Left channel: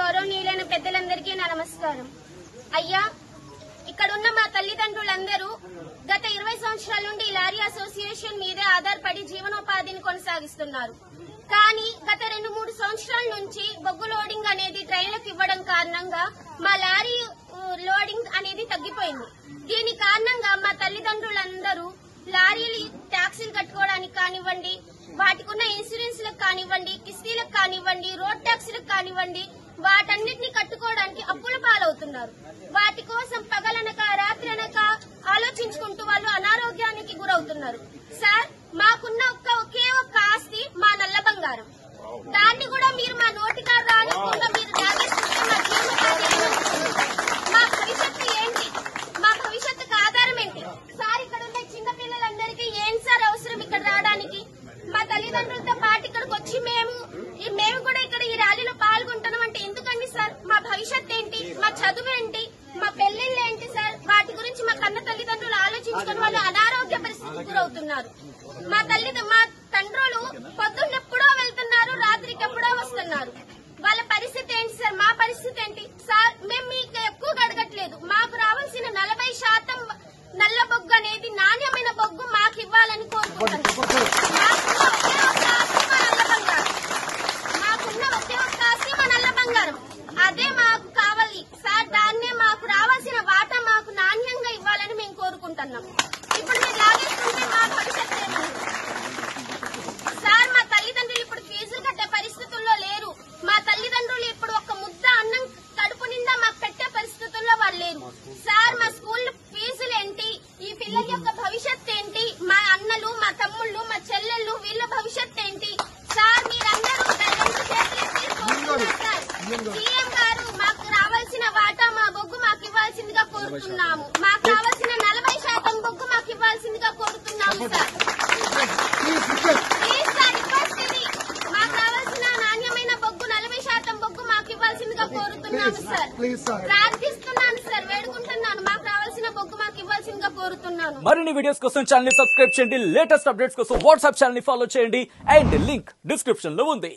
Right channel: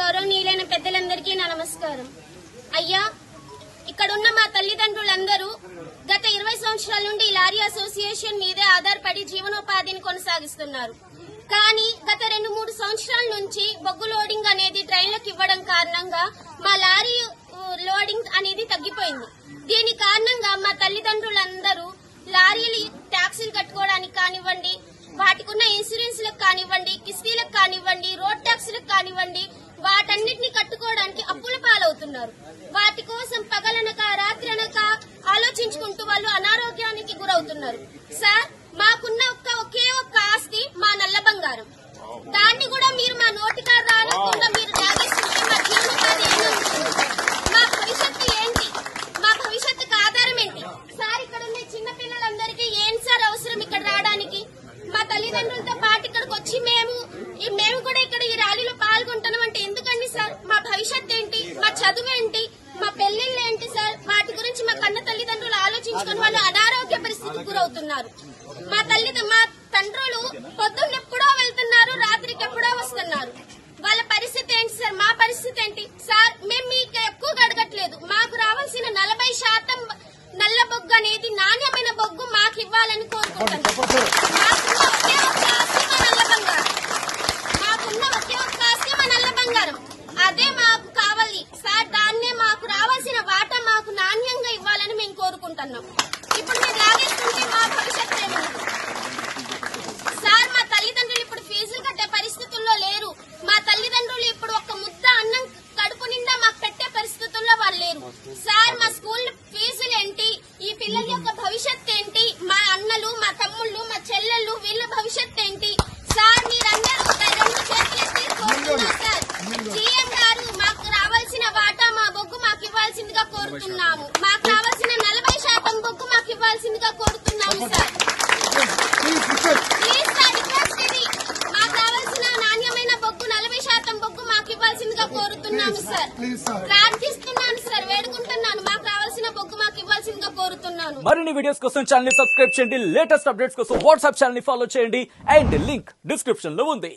గౌరవనీయులైన పెద్దలందరికీ నా నమస్కారం. అయ్యా, ఇక్కడున్న మా తల్లిదండ్రులందరూ గత 20 సంవత్సరాల నుండి లారీ అసోసియేషన్ మీదే ఆధారపడి జీవనోపాధిని కొనసాగిస్తున్నారు. కానీ గత 2-3 సంవత్సరాల నుంచి బొగ్గు లోడింగ్ అనేది ట్రైన్లకు ఇవ్వడం కారణంగా మా లారీ లోడింగ్ అనేది తగ్గిపోయింది. దీని కారణంగా మా తల్లిదండ్రులందరూ లారీలు ట్యాక్సీలు కట్టుకోవడానికి కానివ్వండి, వాటికి ఉన్న ఇన్సూరెన్స్లకు కానివ్వండి, కిస్తీలకు కానివ్వండి, రోడ్ ట్యాక్సీలకు కానివ్వండి, వాటన్నిటిని కట్టుకోవడానికి అప్పుల పాలవుతున్నారు. వాటి కోసం పగలనక రాత్రనక ఆలోచించుకుంటూ వాళ్ళు అనారోగ్యానికి గురవుతున్నారు. సార్, మాకున్న ఒకే ఒక్క ఆస్తి మా నల్ల బంగారం. దాన్ని కూడా మీరు మా నోటికారు రానకుండా మీరు తాగేస్తుంటే మా జీవనోపాధి మా భవిష్యత్తు ఏంటి? మా భవిష్యత్తుకు ఆధారం ఏంటి? సార్, ఇక్కడ ఉన్న చిన్న పిల్లలందరికీ ఏంటి సార్ అవసరం ఇక్కడ రావడానికి? మా తల్లిదండ్రులతో పాటు ఇక్కడికి వచ్చి మేము కూడా ఇక్కడ ఈ ర్యాలీలో పాల్గొంటున్నాం అంటే ఎందుకండి సార్? మా భవిష్యత్ ఏంటి? మా చదువు ఏంటి? మా పెళ్లిళ్ళు ఏంటి సార్? వాటి గురించి మా కన్న తల్లిదండ్రులు ఆలోచించుకొని వాళ్ళు అనారోగ్య పరిస్థితికి గురవుతున్నారు. మా తండ్రులు పొద్దున్నెప్పుడో వెళ్తున్నారు, రాత్రికి ఎప్పుడో వస్తున్నారు. వాళ్ళ పరిస్థితి ఏంటి సార్? మా పరిస్థితి ఏంటి సార్? మేము మీకు ఎక్కువగా అడగట్లేదు. మాకు రావాల్సిన 40% నల్ల బొగ్గు అనేది నాణ్యమైన బొగ్గు మాకు ఇవ్వాలని కోరుకుంటున్నాం. మాకున్న ఒకే ఒక్క ఆస్తి మా నల్ల బంగారం. అదే మాకు కావాలి సార్. దాన్నే మాకు రావాల్సిన వాటా మాకు నాణ్యంగా ఇవ్వాలని మేము కోరుకుంటున్నాం. ఇప్పుడు మీరు లాగేస్తుంటే మా భవిష్యత్తు ఏమన్నా సార్? మా తల్లిదండ్రులు ఇప్పుడు ఫీజులు కట్టే పరిస్థితుల్లో లేరు. మా తల్లిదండ్రులు ఇప్పుడు ఒక్క ముద్ద అన్నం కడుపు నిండా మాకు పెట్టే పరిస్థితుల్లో వాళ్ళు లేరు. సార్, మా స్కూల్ ఫీజులు ఏంటి? ఈ పిల్లల యొక్క భవిష్యత్ ఏంటి? మా అన్నలు, మా తమ్ముళ్ళు, మా చెల్లెళ్ళు, వీళ్ళ భవిష్యత్ ఏంటి? సార్, మీరందరూ 2 చేతులెత్తి కోరుతున్నారు సార్. సీఎం గారు, మాకు రావాల్సిన వాటా మా బొగ్గు మాకు ఇవ్వాల్సిందిగా కోరుతున్నాము. మాకు రావాల్సిన 40% బొగ్గు మాకు ఇవ్వాల్సిందిగా కోరుతున్నాము సార్. ప్లీజ్ సార్, రిక్వెస్ట్ ఇది. మాకు రావాల్సిన నాణ్యమైన బొగ్గు 40% బొగ్గు మాకు ఇవ్వాల్సిందిగా కోరుతున్నాము సార్. ప్రార్థిస్తున్నాను సార్, వేడుకుంటున్నాను. మాకు రావాల్సిన బొగ్గు మాకు ఇవ్వాల్సిందిగా కోరుతున్నాను. మరిన్ని వీడియోస్ కోసం ఛానల్ ని సబ్స్క్రైబ్ చేయండి. లేటెస్ట్ అప్డేట్స్ కోసం వాట్సాప్ ఛానల్ ని ఫాలో చేయండి. అండ్ లింక్ డిస్క్రిప్షన్ లో ఉంది.